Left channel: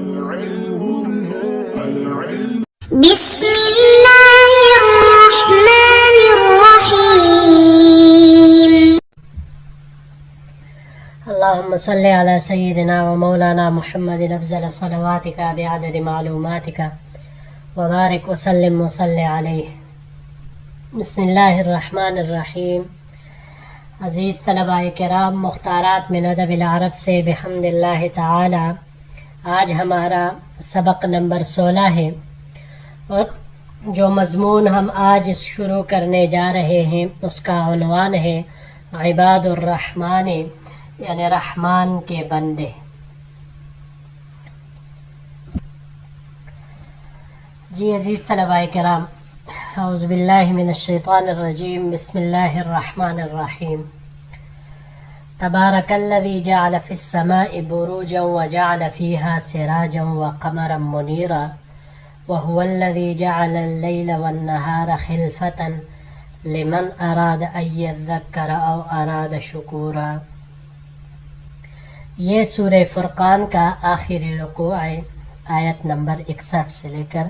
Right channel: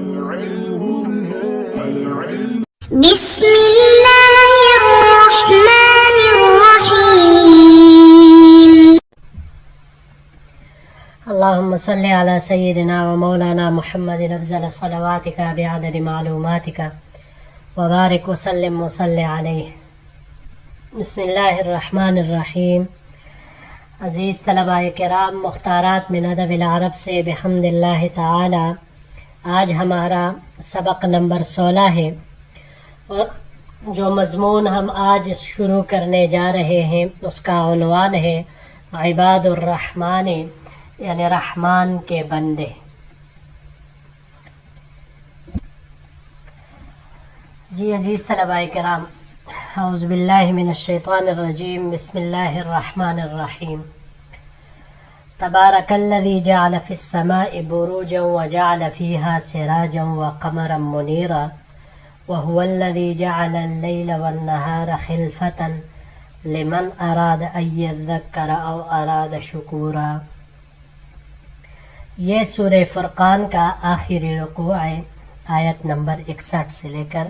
بسم الله الرحمن الرحيم. اللهم صل على سيدنا ومولانا محمد أفضل صلواتك بعدد معلوماتك وبارك وسلم وصل عليه. بسم اللہ الرحمن الرحیم. عزیز طلباء کرام، مختارات من ادب العرب سے بحمد اللہ تعالی آج ہمارا سبق نمبر 16 ہے، اور جو مضمون ہم آج شروع کرنے جا رہے ہیں اس کا عنوان ہے عباد الرحمن، یعنی رحمان کے بندے. جی عزیز طلباء کرام، اعوذ باللہ من الشیطان الرجیم، بسم اللہ الرحمن الرحیم. تبارک الذی جعل فی السماء بروجا وجعل فیہا سراجا وقمرا منیرا وهو الذی جعل اللیل والنہار خلفة لمن اراد ان یذکر او اراد شکورا. یہ سورہ فرقان کا آخری رکوع ہے، آیت نمبر 61 سے لے کر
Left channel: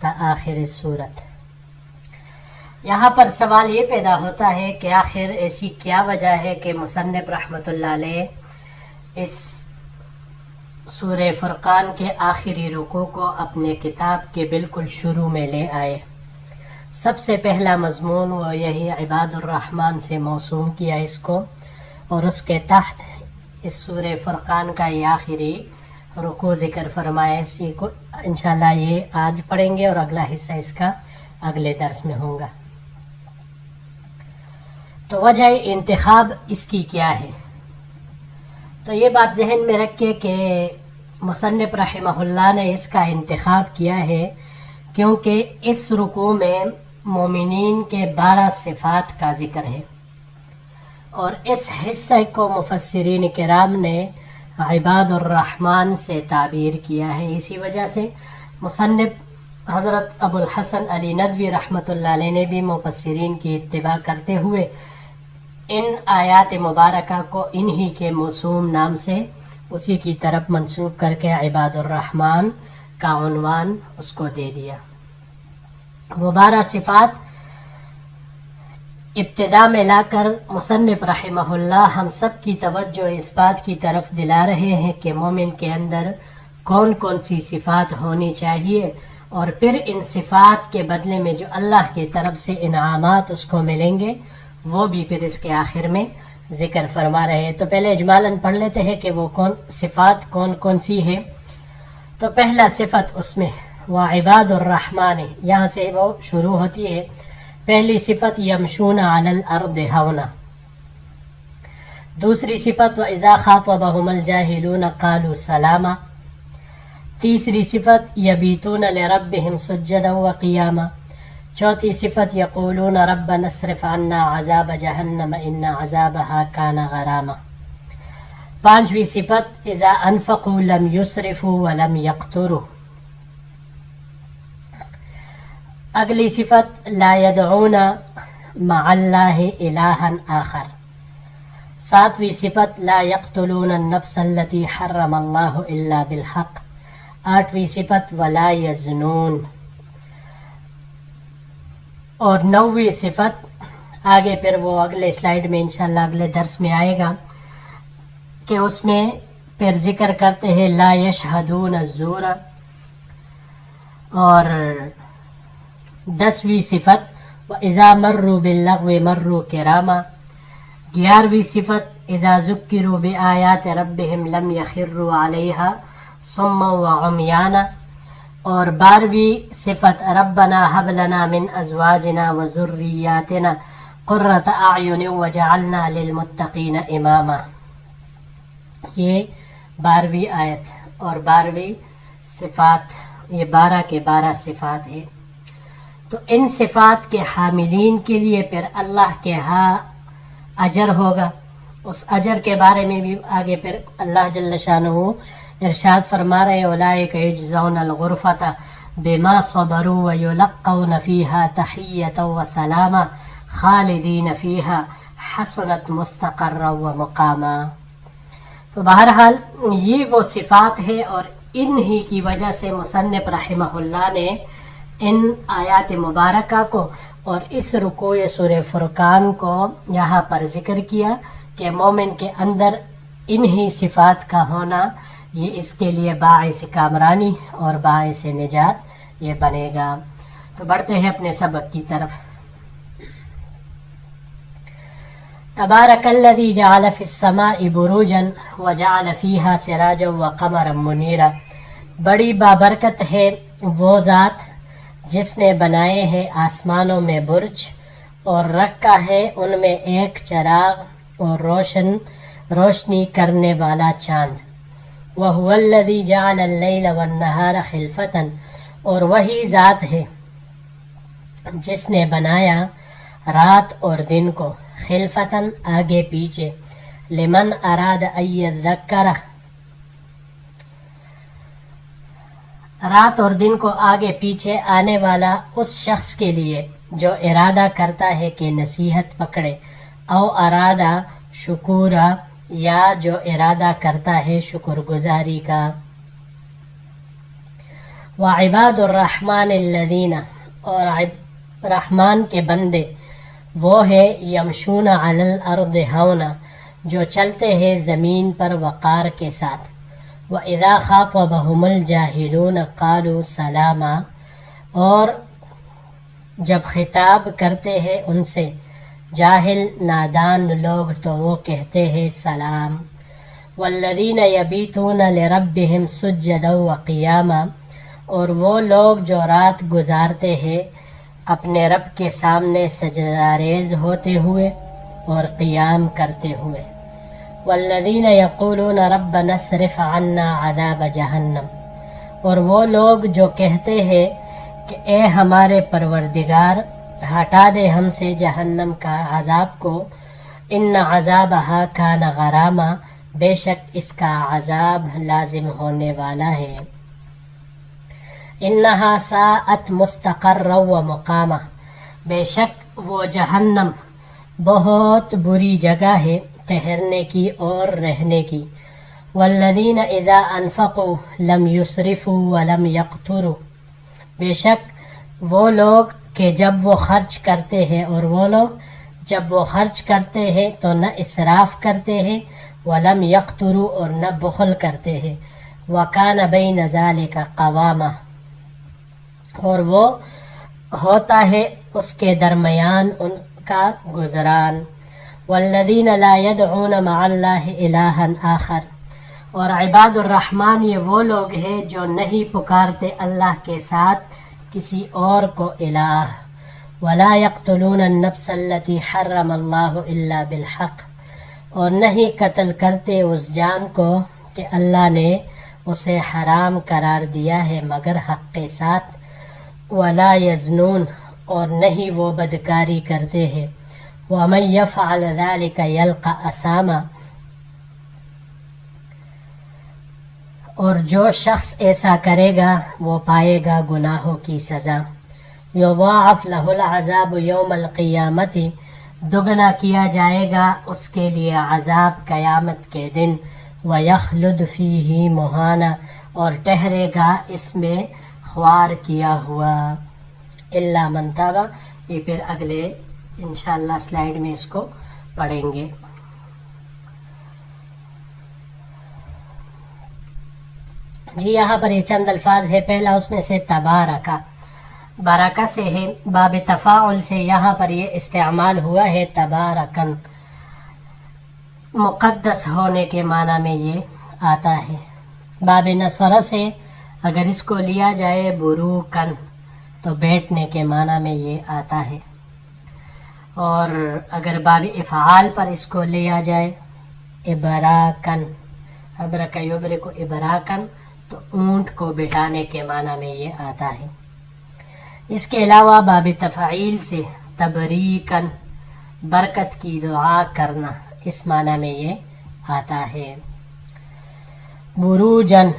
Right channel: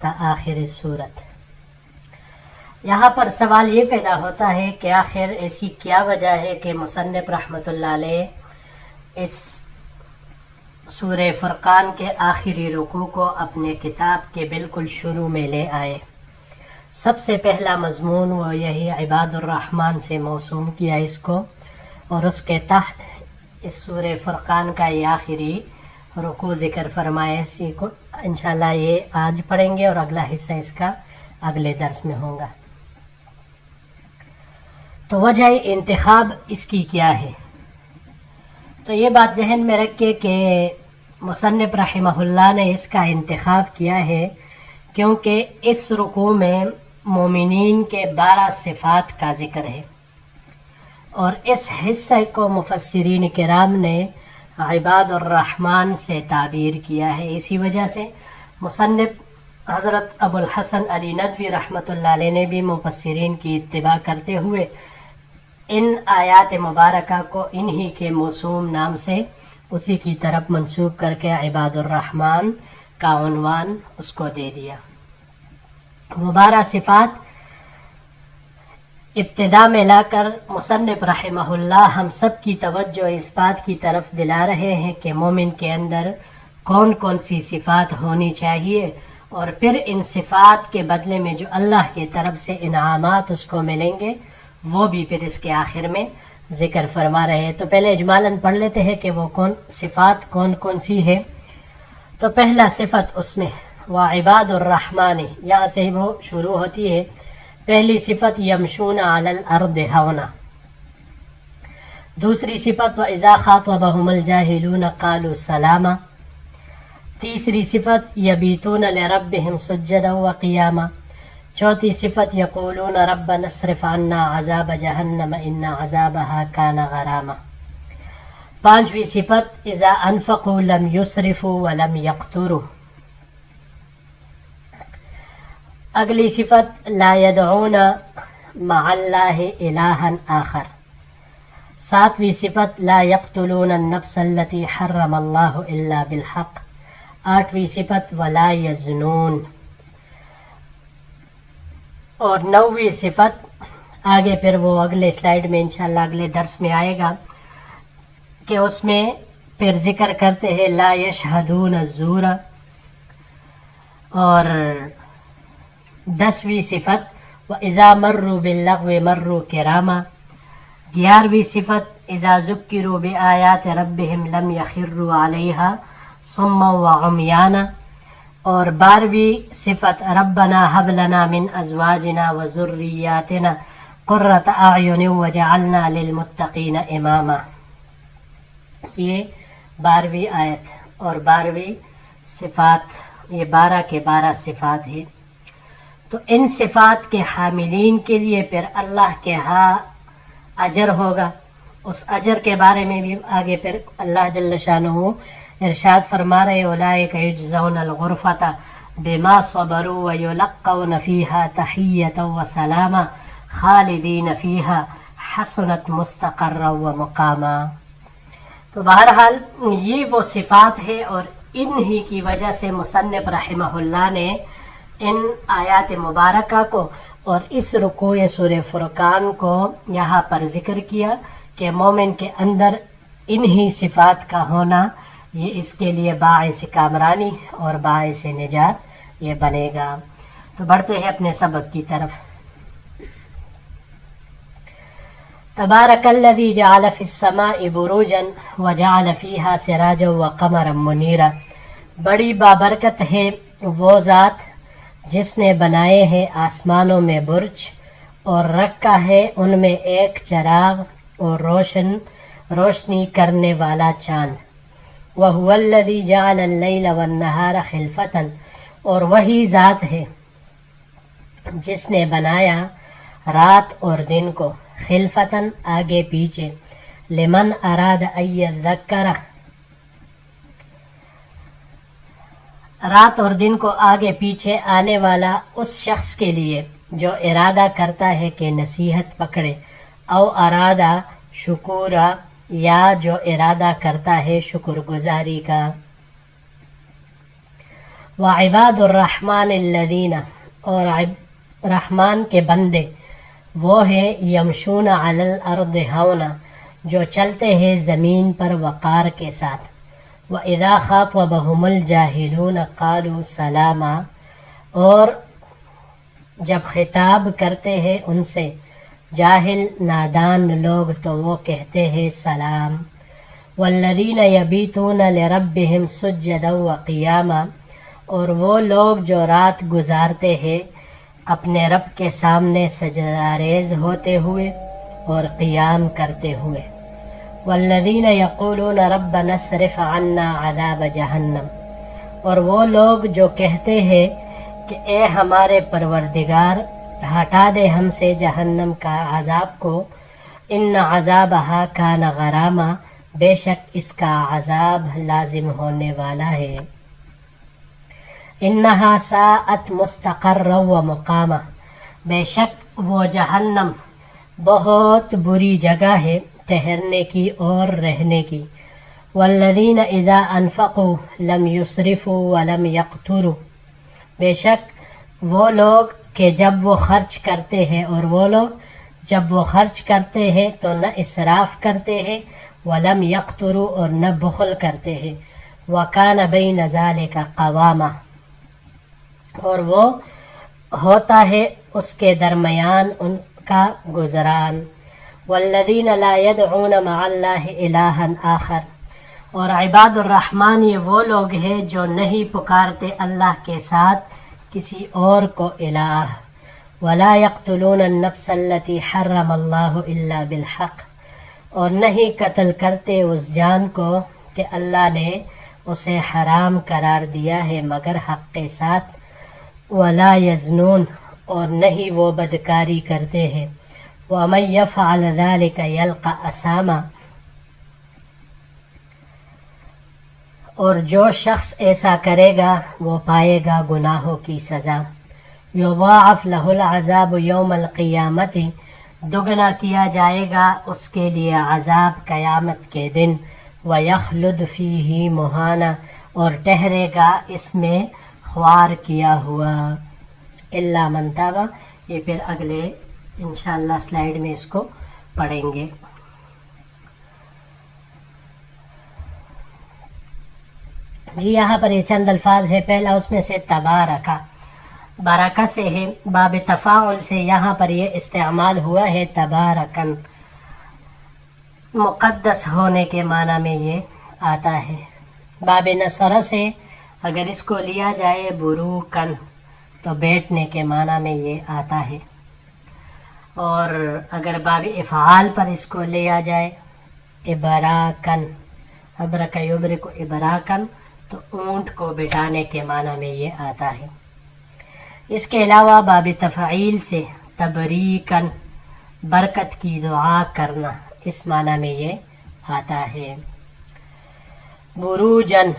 تا آخر سورت. یہاں پر سوال یہ پیدا ہوتا ہے کہ آخر ایسی کیا وجہ ہے کہ مصنف رحمۃ اللہ علیہ اس سورہ فرقان کے آخری رکوع کو اپنے کتاب کے بالکل شروع میں لے آئے. سب سے پہلا مضمون وہ یہی عباد الرحمن سے موسوم کیا اس کو، اور اس کے تحت اس سورہ فرقان کا یہ آخری رکوع ذکر فرمایا. اسی کو انشاءاللہ یہ آج پڑھیں گے اور اگلا حصہ اس کا اگلے درس میں ہوگا. تو وجہ انتخاب اس کی کیا ہے؟ تو یہ بات ذہن میں رکھیے کہ مصنف رحمہ اللہ نے اس کا انتخاب کیا ہے کیونکہ اس رکوع میں مومنین کے 12 صفات کا ذکر ہے، اور اس حصے کو مفسرین کرام نے عباد الرحمن سے تعبیر کیا ہے. اسی وجہ سے مصنف حضرت ابو الحسن علی ندوی رحمۃ اللہ علیہ نے بھی مفسرین کی اتباع کرتے ہوئے ان آیات مبارکہ کو انہی کے موسوم نام سے اسی کی طرف منسوب کر کے عباد الرحمن کا عنوان اس کو دے دیا. وہ 12 صفات ابتدا میں لا کر مصنف رحمہ اللہ ہم سب کی توجہ اس بات کی طرف دلا رہے ہیں کہ مومن کے اندر کون کون سی صفات ہونی چاہیے، اور پھر ان صفات کے بدلے میں جو اللہ کی طرف سے انعامات اس کو ملیں گے وہ بھی پھر اس کے آخر میں ذکر فرما رہے ہیں. تو پہلے اجمالاً پڑھ لیتے ہیں کہ وہ صفات کون کون سی ہیں. تو پہلا صفت اس میں وہ عباد الرحمن، یہاں سے وہ شروع ہوتی ہے. پہلی صفت یمشون علی الارض ہونا. دوسری صفت وَإِذَا خَاطَبَهُمُ الْجَاهِلُونَ قَالُوا سَلَامًا. تیسری صفت یبیتون لربهم سجدا وقیاما. چوتھی صفت یقولون ربنا اصرف عنا عذاب جہنم ان عذابها کان غراما. پانچویں صفت اذا انفقوا لم یسرفوا ولم یقتروا. اگلی صفت لا يدعون مع اللہ الہا آخر. ساتویں صفت لا يقتلون النفس التي حرم اللہ الا بالحق. آٹھویں صفت ولا یزنون. اور 9ویں صفت آگے پھر وہ اگلے سلائیڈ میں انشاءاللہ اگلے درس میں آئے گا کہ اس میں پھر ذکر کرتے ہیں لا یشہدون الزور. اور 10ویں صفت وَإِذَا مَرُّوا بِاللَّغْوِ مَرُّوا كِرَامًا. 11ویں صفت اذا ذکروا بآیات ربهم لم یخروا علیہا صما وعمیانا. اور 12ویں صفت ربنا هب لنا من ازواجنا وذریاتنا قرۃ اعین وجعلنا للمتقین اماما. یہ 12ویں آیت اور 12ویں صفات، یہ 12 کے 12 صفات ہیں. تو ان صفات کے حاملین کے لیے پھر اللہ کے ہاں اجر ہوگا. اس اجر کے بارے میں بھی آگے پھر اللہ جل شانہ ارشاد فرما رہے اولئک یجزون الغرفۃ بما صبروا ویلقون فیہا تحیۃ وسلاما خالدین فیہا حسنت مستقرا ومقاما. تو بہرحال یہ وہ صفات ہے، اور انہی کی وجہ سے مصنف رحمہ اللہ نے ان آیات مبارکہ کو اور اس رکوع سورہ فرقان کو یہاں پر ذکر کیا کہ مومن کے اندر انہی صفات کا ہونا یہ اس کے لیے باعث کامرانی اور باعث نجات یہ بنے گا. تو بڑھتے ہیں اپنے سبق کی طرف. تبارک الذی جعل فی السماء بروجا وجعل فیہا سراجا وقمرا منیرا. بڑی بابرکت ہے وہ ذات جس نے بنائے ہیں آسمانوں میں برج اور رکھا ہے ان میں ایک چراغ اور روشنی کرنے والا چاند. وَهُوَ الَّذِي جَعَلَ اللَّيْلَ وَالنَّهَارَ خِلْفَةً. اور وہی ذات ہے جس نے بنایا رات اور دن کو خلفتاً آگے پیچھے. لمن اراد ان یذکر. رات اور دن کو آگے پیچھے آنے والا اس شخص کے لیے جو ارادہ کرتا ہے کہ نصیحت پکڑے. او ارادہ شکورا. یا جو ارادہ کرتا ہے شکر گزاری کا. وعباد الرحمن الذین. اور رحمان کے بندے وہ ہے یمشون علی الارض ہونا جو چلتے ہیں زمین پر وقار کے ساتھ. وَإِذَا خَاطَبَهُمُ الْجَاهِلُونَ قَالُوا سَلَامًا. اور جب خطاب کرتے ہیں ان سے جاہل نادان لوگ تو وہ کہتے ہیں سلام. وَالَّذِينَ يَبِيتُونَ لِرَبِّهِمْ سُجَّدًا وَقِيَامًا. اور وہ لوگ جو رات گزارتے ہیں اپنے رب کے سامنے سجدہ ریز ہوتے ہوئے اور قیام کرتے ہوئے. والذین یقولون ربنا اصرف عنا عذاب جہنم. اور وہ لوگ جو کہتے ہیں کہ اے ہمارے پروردگار ہٹا دے ہم سے جہنم کا عذاب کو. ان عذابہا کان غراما. بے شک اس کا عذاب لازم ہونے والا ہے. انہا ساءت مستقرا و مقاما. بے شک وہ جہنم بہت بری جگہ ہے ٹھہرنے کی اور رہنے کی. والذین اذا انفقوا لم یسرفوا ولم یقتروا. بے شک وہ لوگ کہ جب وہ خرچ کرتے ہیں اور وہ لوگ جب وہ خرچ کرتے ہیں تو نہ اسراف کرتے ہیں ولم یقتروا اور نہ بخل کرتے ہیں. وکان بین ذلک قواما. اور وہ ہوتا ہے اس کے درمیان ان کا گزران. والذین لا يدعون مع اللہ الہا آخر. اور عباد الرحمن یہ وہ لوگ ہیں جو نہیں پکارتے اللہ کے ساتھ کسی اور کو الہ. ولا يقتلون النفس التي حرم اللہ الا بالحق. اور نہیں قتل کرتے اس جان کو کہ اللہ نے اسے حرام قرار دیا ہے مگر حق کے ساتھ. ولا یزنون. اور نہیں وہ بدکاری کرتے ہیں. ومن یفعل ذلک یلقى اثاما. اور جو شخص ایسا کرے گا وہ پائے گا گناہوں کی سزا. یضاعف له العذاب یوم القیامت. دگنا کیا جائے گا اس کے لیے عذاب قیامت کے دن. ویخلد فیہ مہانا. اور ٹھہرے گا اس میں خوار کیا ہوا. الا من تاب. یہ پھر اگلے انشاءاللہ سلائیڈ میں اس کو پڑھیں گے. جی یہاں پر یہ چند الفاظ ہے. پہلا اس میں سے تبارکہ. بارکہ سے ہے باب تفاعل سے یہاں پر یہ استعمال ہوا ہے تبارکن. مقدس ہونے کے معنی میں یہ آتا ہے. باب نصر سے اگر اس کو لیا جائے بروکن تو بیٹھنے کے معنی میں یہ آتا ہے. اور اگر باب افعال پر اس کو لیا جائے ابراکن. ابرک یبرک ابراکن تو اونٹ کو بٹانے کے معنی میں یہ آتا ہے. اس کے علاوہ باب تفعیل سے تبریکن برکت کی دعا کرنا اس معنی میں یہ آتا ہے. بروجن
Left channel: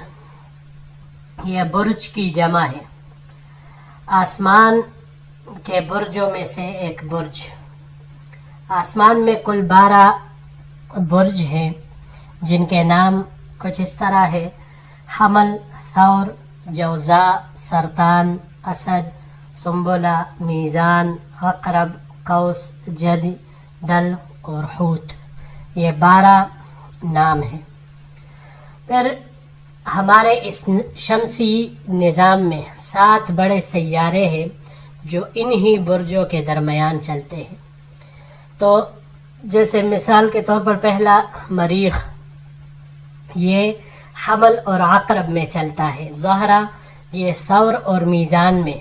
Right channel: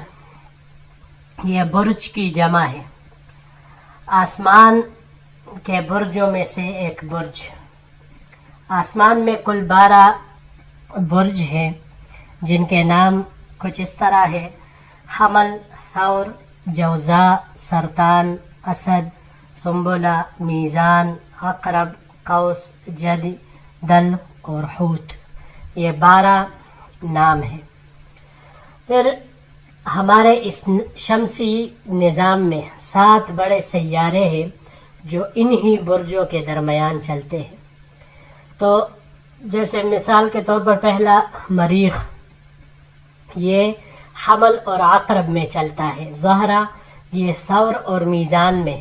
یہ برج کی جمع ہے. آسمان کے برجوں میں سے ایک برج. آسمان میں کل 12 برج ہیں جن کے نام کچھ اس طرح ہے: حمل، ثور جوزا سرطان اسد سنبلہ میزان عقرب قوس جد دل اور حوت، یہ 12 نام ہیں۔ پھر ہمارے اس شمسی نظام میں 7 بڑے سیارے ہیں جو انہی برجوں کے درمیان چلتے ہیں۔ تو جیسے مثال کے طور پر پہلا مریخ، یہ حمل اور عقرب میں چلتا ہے، زہرہ یہ ثور اور میزان میں،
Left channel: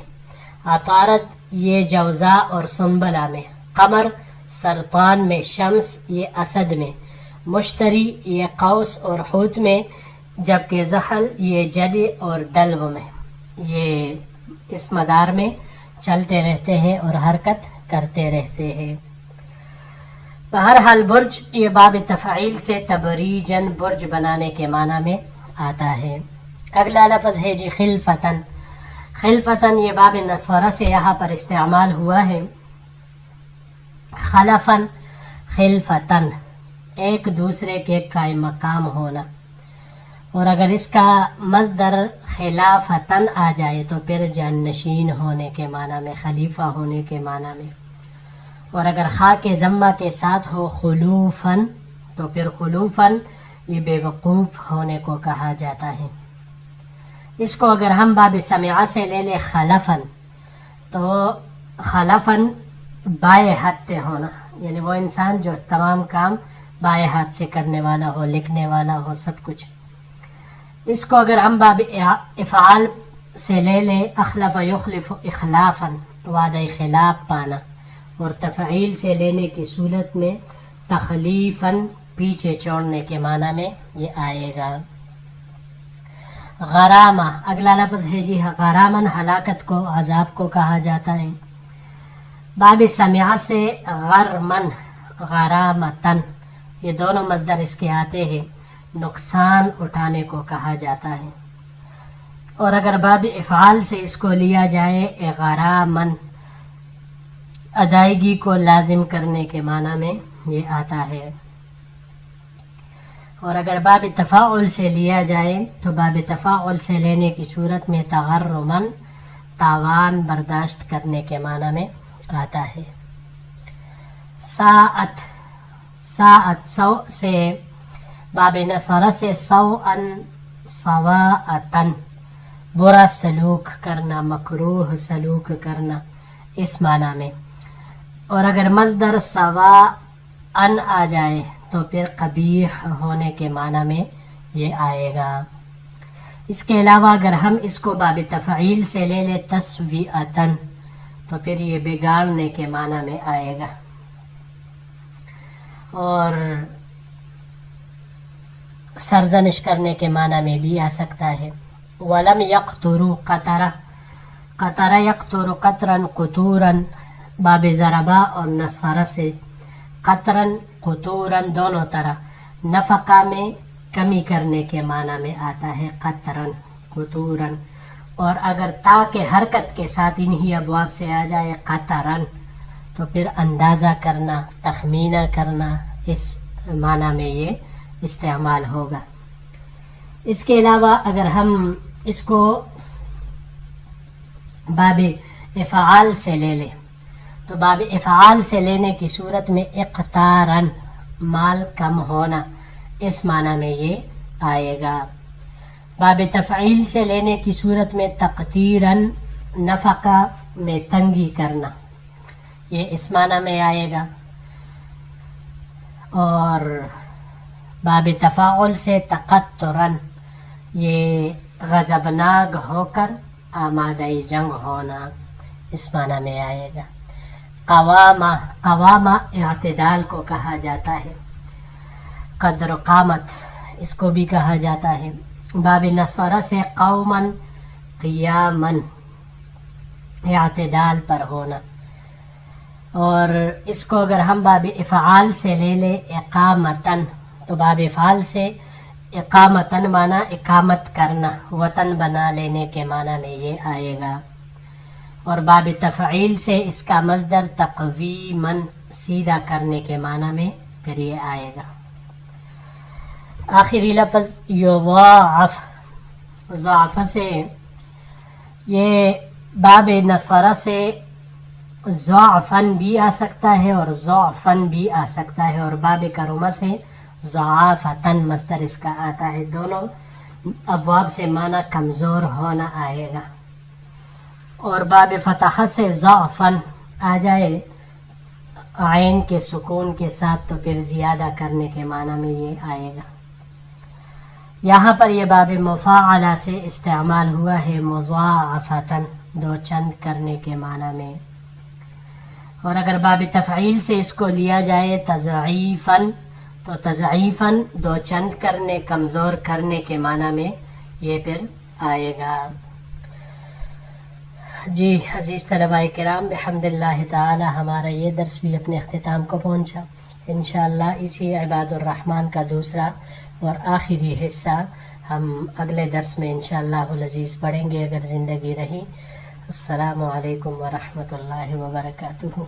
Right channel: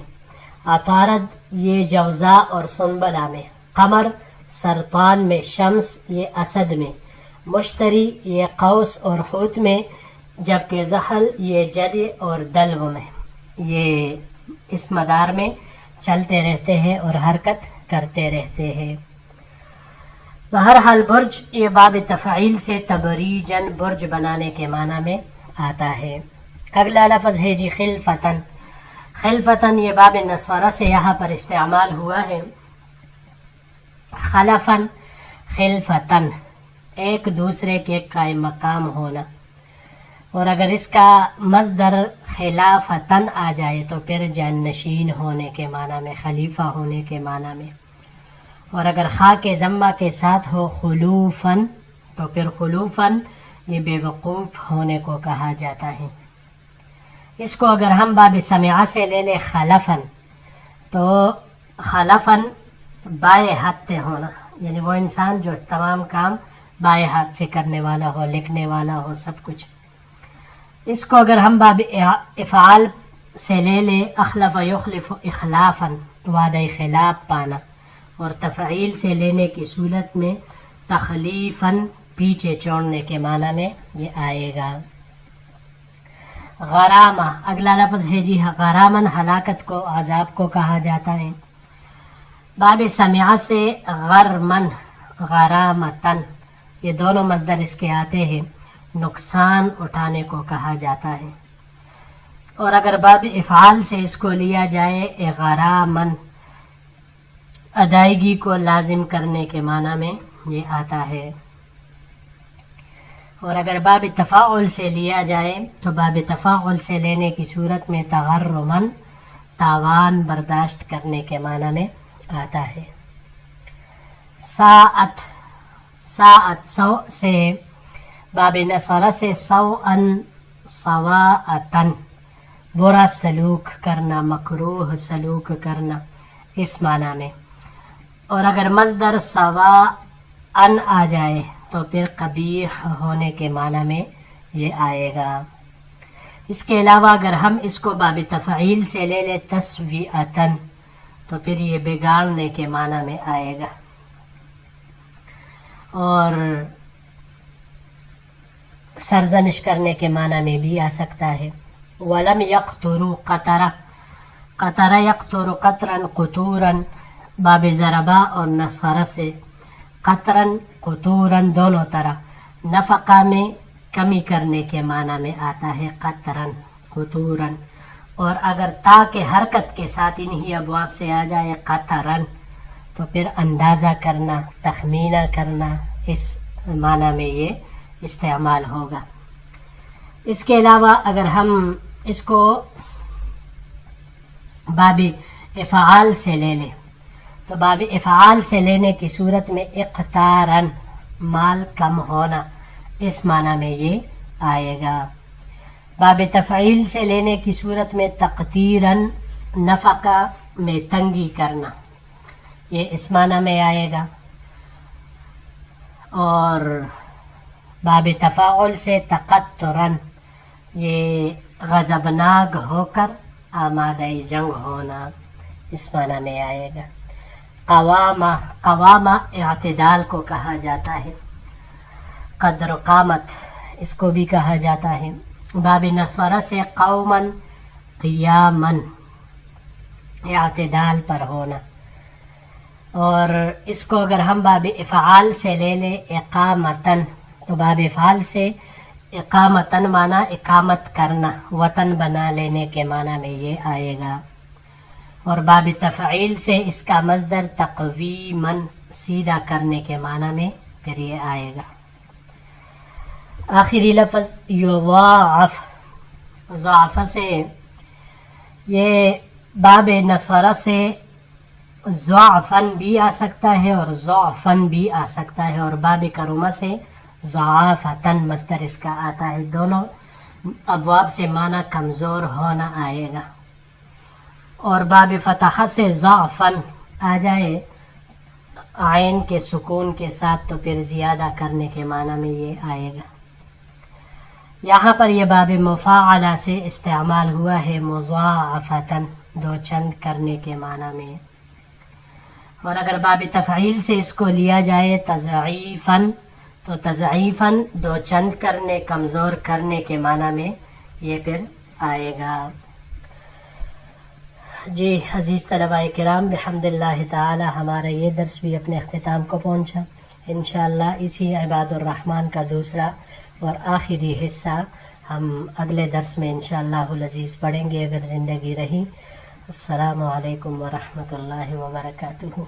عطارد یہ جوزا اور سنبلہ میں، قمر سرطان میں، شمس یہ اسد میں، مشتری یہ قوس اور حوت میں، جبکہ زحل یہ جد اور دلو میں، یہ اس مدار میں چلتے رہتے ہیں اور حرکت کرتے رہتے ہیں۔ بہرحال برج یہ باب تفعیل سے تبریجن برج بنانے کے معنی میں آتا ہے۔ اگلا لفظ ہے جی خلفتن۔ خلفتن یہ باب نسورہ سے یہاں پر استعمال ہوا ہے۔ خلفن خلفتن ایک دوسرے کے قائم مقام ہونا، اور اگر اس کا مصدر خلافتن آ جائے تو پھر جانشین ہونے کے معنی میں، خلیفہ ہونے کے معنی میں، اور اگر خا کے ضمہ کے ساتھ ہو خلوفن تو پھر خلوفن یہ بے وقوف ہونے کو کہا جاتا ہے۔ اس کو اگر ہم باب سمعہ سے لے لیں خلفن، تو خلفن بائیں ہاتھ سے ہونا، یعنی وہ انسان جو تمام کام بائیں ہاتھ سے کرنے والا ہو، لکھنے والا ہو، سب کچھ۔ اس کو اگر ہم باب افعال سے لے لیں اخلف یخلف اخلافن، وعدہ خلاف پانا، اور تفعیل سے لینے کی صورت میں تخلیفن پیچھے چھوڑنے کے معنی میں یہ آئے گا۔ غرامہ اگلا لفظ ہے جی غرامن، ہلاکت کو، عذاب کو کہا جاتا ہے۔ باب سمعہ سے غرمن غرامتن، یہ دونوں مصدر اس کے آتے ہیں، نقصان اٹھانے کو کہا جاتا ہے۔ اور اگر باب افعال سے اس کو لیا جائے غرامن، ادائیگی کو لازم کرنے کے معنی میں یہ آتا ہے۔ اور اگر باب تفاعل سے لیا جائے تو باب تفاعل سے لینے کی صورت میں تغرمن، تاوان برداشت کرنے کے معنی میں آتا ہے۔ ساعت ساعت سو سے باب نصرہ سے سوءن سواءتن، برا سلوک کرنا، مکروہ سلوک کرنا، اس معنی میں۔ اور اگر مصدر سواءن آ جائے تو پھر قبیح ہونے کے معنی میں یہ آئے گا۔ اس کے علاوہ اگر ہم اس کو باب تفعیل سے لے لیں تسویئتن تو پھر یہ بگاڑنے کے معنی میں آئے گا۔ اور سرزنش کرنے کے معنی میں بھی آ سکتا ہے۔ ولم یقتروا قطرہ، قطرہ یقتر قطرن قطورن، باب ضربہ اور نصرہ سے قطرن قطورن دونوں طرح نفقہ میں کمی کرنے کے معنی میں آتا ہے قطرن قطورن، اور اگر تا کے حرکت کے ساتھ انہی ابواب سے آ جائے قطرن تو پھر اندازہ کرنا، تخمینہ کرنا، اس معنی میں یہ استعمال ہوگا۔ اس کے علاوہ اگر ہم اس کو باب افعال سے لے لیں تو باب افعال سے لینے کی صورت میں اقتارن، مال کم ہونا، اس معنی میں یہ آئے گا۔ باب تفعیل سے لینے کی صورت میں تقتیرن، نفقہ میں تنگی کرنا، یہ اس معنی میں آئے گا۔ اور باب تفاعل سے تقترن، یہ غضبناک ہو کر آمادہ جنگ ہونا، اس معنی میں آئے گا۔ قوامہ، قوامہ اعتدال کو کہا جاتا ہے۔ قدر قامت اس کو بھی کہا جاتا ہے۔ باب نصرہ سے قومن قیامن، اعتدال پر ہونا۔ اور اس کو اگر ہم باب افعال سے لے لیں اقامتن تو باب افعال سے اقامتن معنی اقامت کرنا، وطن بنا لینے کے معنی میں یہ آئے گا۔ اور باب تفعیل سے اس کا مصدر تقویمن، سیدھا کرنے کے معنی میں پھر یہ آئے گا۔ آخری لفظ یضاعف، ضعف سے یہ باب نصرہ سے ضعفن بھی آ سکتا ہے اور ضعفن بھی آ سکتا ہے، اور باب کرما سے ضعافتن مصدر اس کا آتا ہے. دونوں ابواب سے معنی کمزور ہونا آئے گا. اور باب فتح سے ضعفن آ جائے عین کے سکون کے ساتھ تو پھر زیادہ کرنے کے معنی میں یہ آئے گا. یہاں پر یہ باب مفاعلہ سے استعمال ہوا ہے مضاعفتن، دو چند کرنے کے معنی میں. اور اگر باب تفعیل سے اس کو لیا جائے تضعیفن تو تضعیفن دو چند کرنے، کمزور کرنے کے معنی میں یہ پھر آئے گا. جی عزیز طلباء کرام، بحمد اللہ تعالی ہمارا یہ درس بھی اپنے اختتام کو پہنچا. انشاءاللہ اسی عباد الرحمن کا دوسرا اور آخری حصہ ہم اگلے درس میں انشاءاللہ العزیز پڑھیں گے اگر زندگی رہی. السلام علیکم ورحمۃ اللہ وبرکاتہ.